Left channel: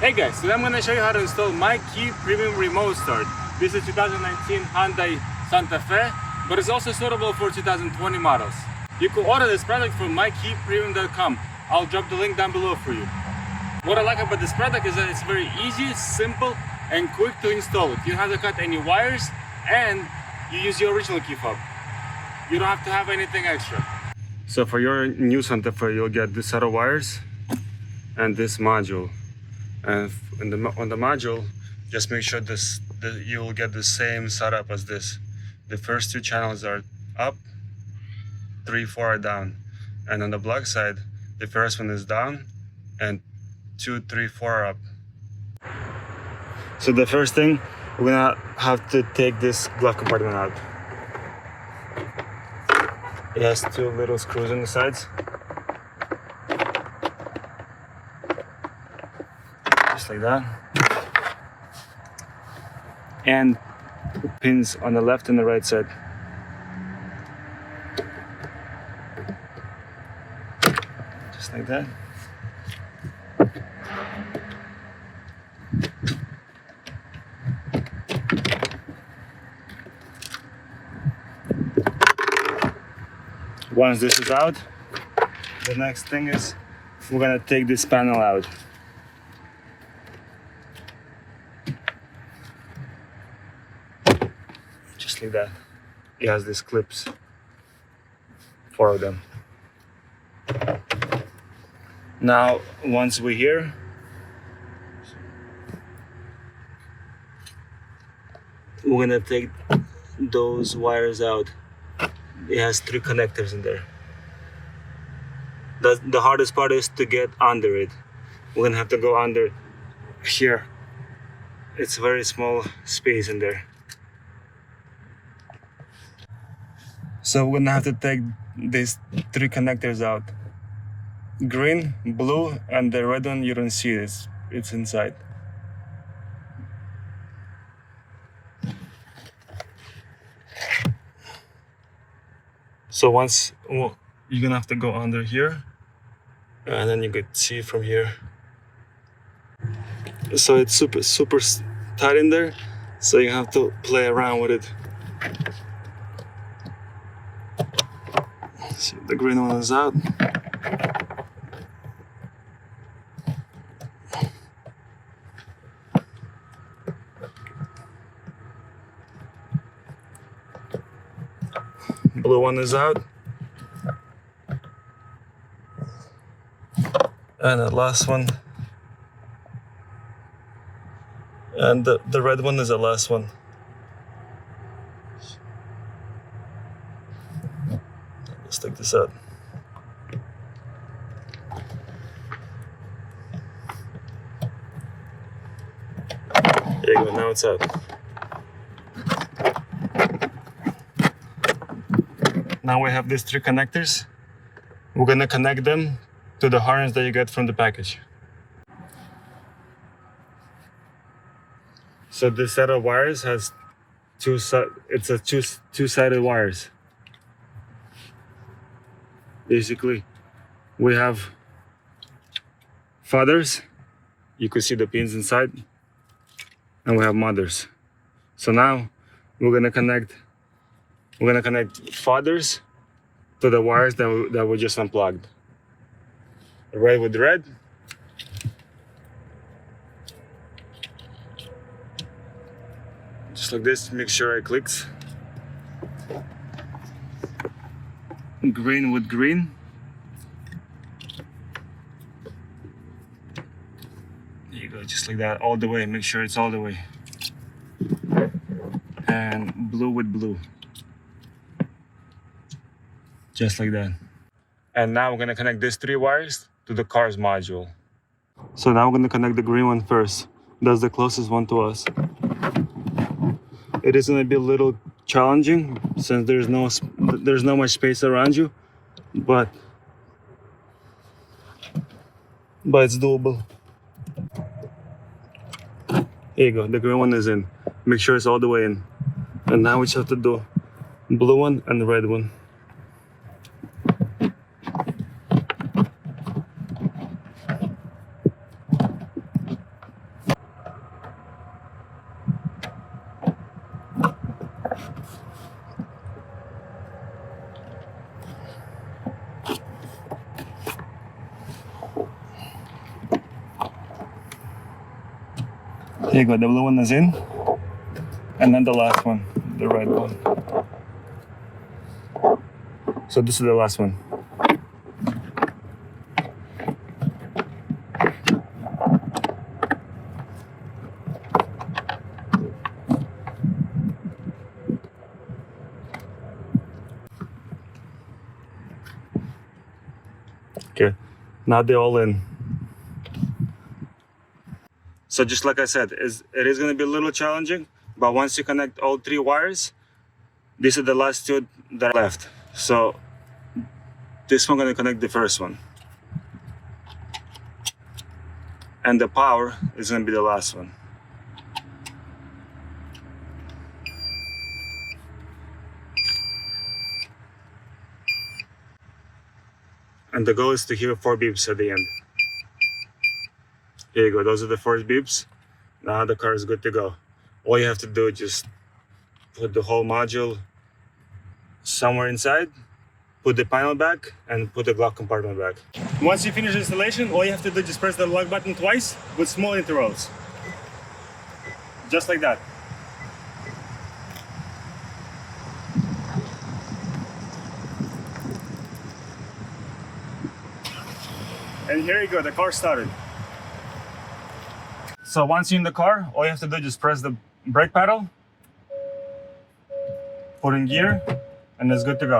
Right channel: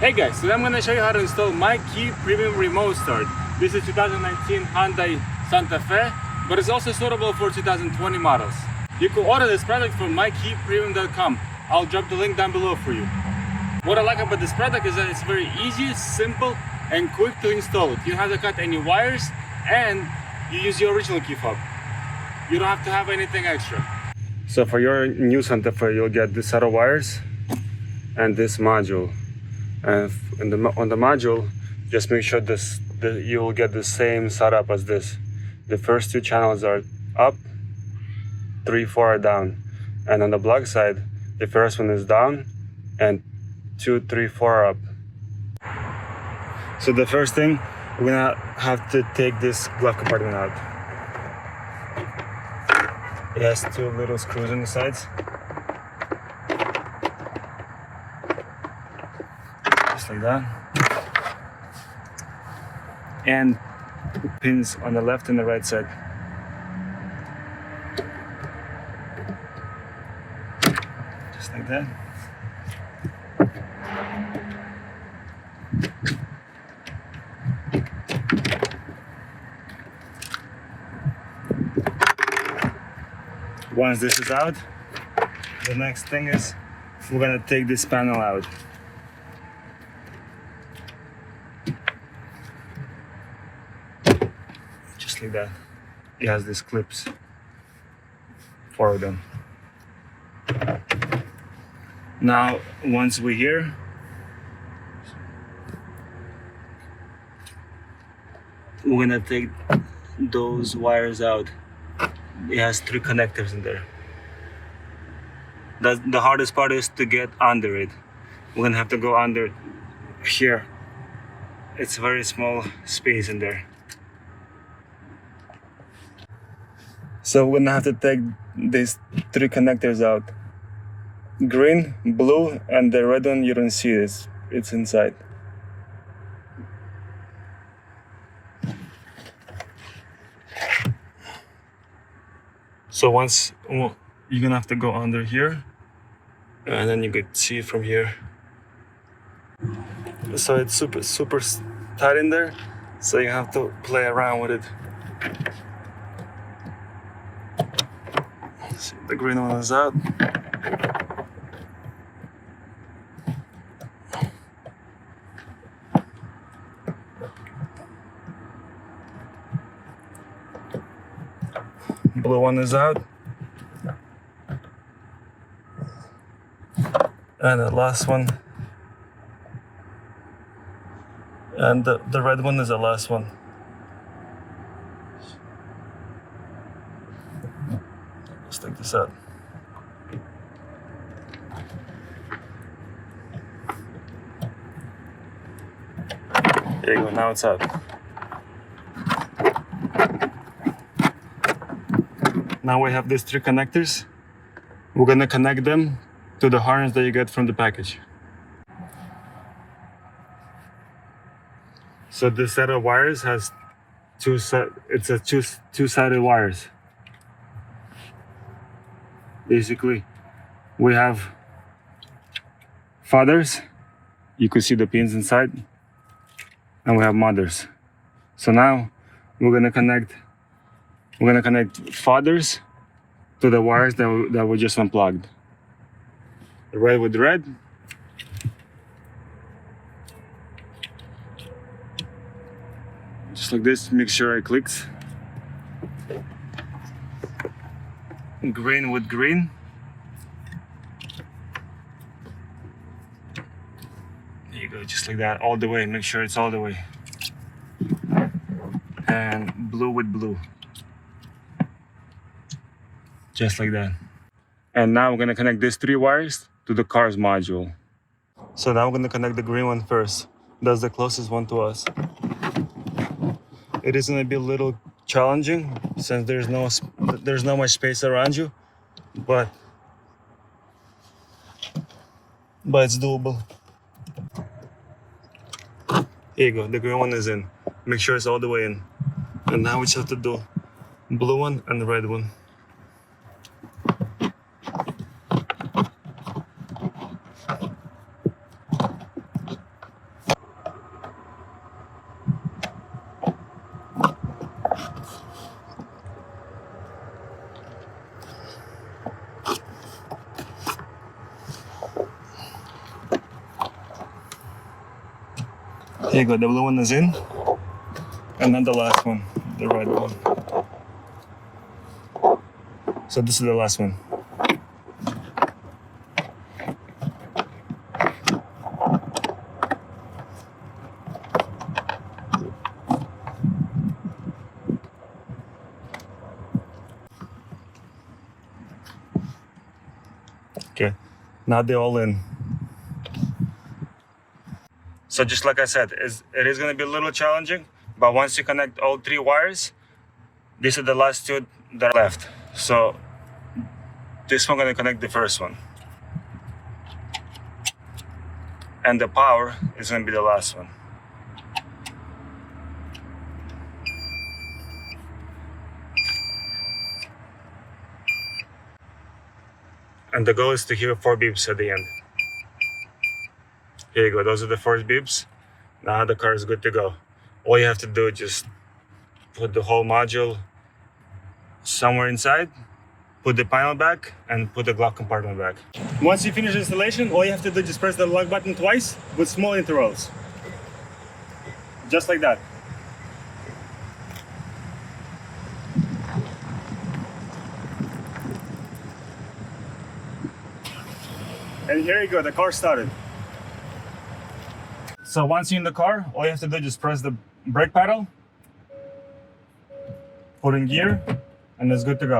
Hey guys, today I'm going to show you how to install MyKey Premium Remote Start. This is 2019 Hyundai Santa Fe, but it's also suitable for 2020 models. You can order this product from MyKeyPremium.com. I'll drop the link down below for you. What I like about this product is that it's very easy, simple, and quick to install it. You don't have to cut any wires, and you use your original KeyFOB. You don't have to have anything extra. So for your new Santa Fe, you'll get this set of wires and this module. And on the module, just make sure you'll get the same setup as this. The first two channels are up, 3, 4 are down. And on the block side, the first one is down and 2, 3, 4 are up. So the first thing, we're gonna have to take this glove compartment out. It has 2 little screws on the sides. Just like that. And pins on the left and the right side. Just like that. Once this is out, the next thing is we're gonna take this panel out. Just like that. It has these clips, 4 of them. Now, once we're here, we're gonna take those wires out. It has 3 connectors in there. The hardest part is to get under it. We're gonna have to go under here. It's a very small space in there. So we're gonna have to take these 3 connectors out. Green, blue, and the red one you don't see it. It's inside. So once, you're gonna have to go under here, and then you could see it from here. So it's super tight in there, so you have to play around with it. See, the green one is out. Blue one is out. And the last one. And the red one is the last one. Let's take this out. There you go, now it's out. Now we have these 3 connectors. We're gonna connect them to the harness that you get from the package. So this set of wires has two-sided wires. Basically, we have fathers. You can see the pins inside, and we have mothers. So now we're gonna connect fathers to the wires that we just unplugged. Red with red. Just like this, make sure it clicks. Green with green. There you go, just like that, all the way. Make sure it's all the way. And blue with blue. Just like that. And now we're gonna connect these 3 wires to the car's module. So now we're gonna connect the green one first. That's the closest one to us. It is gonna be a little challenging since there's no much space around you, but it's doable. Here you go, the green one is in. Make sure it's all the way in. And now we just have to do blue one and the red one. There you go, the blue one is in. And then the last one, the red one. So this is the last one. Okay, now they're all in. So just like I said, it is going to be a little challenging, but once you connect all 3 wires, these are the last 2 that are left. So this one going to connect the first one. And the power is going to be the last one. And the goal is to hear 4 beeps at the end. Here you go, those are the 4 beeps. Now the car is good to go. All you have to do is just put the whole module somewhere inside, put the panel back, and put the glove compartment back. Once you finish installation, all you have to do is just press the lock button twice with small intervals. Just like that. And here you go, the car started. So once you're in the car, all you have to do is just press the brake pedal, put in gear, and it's good to go.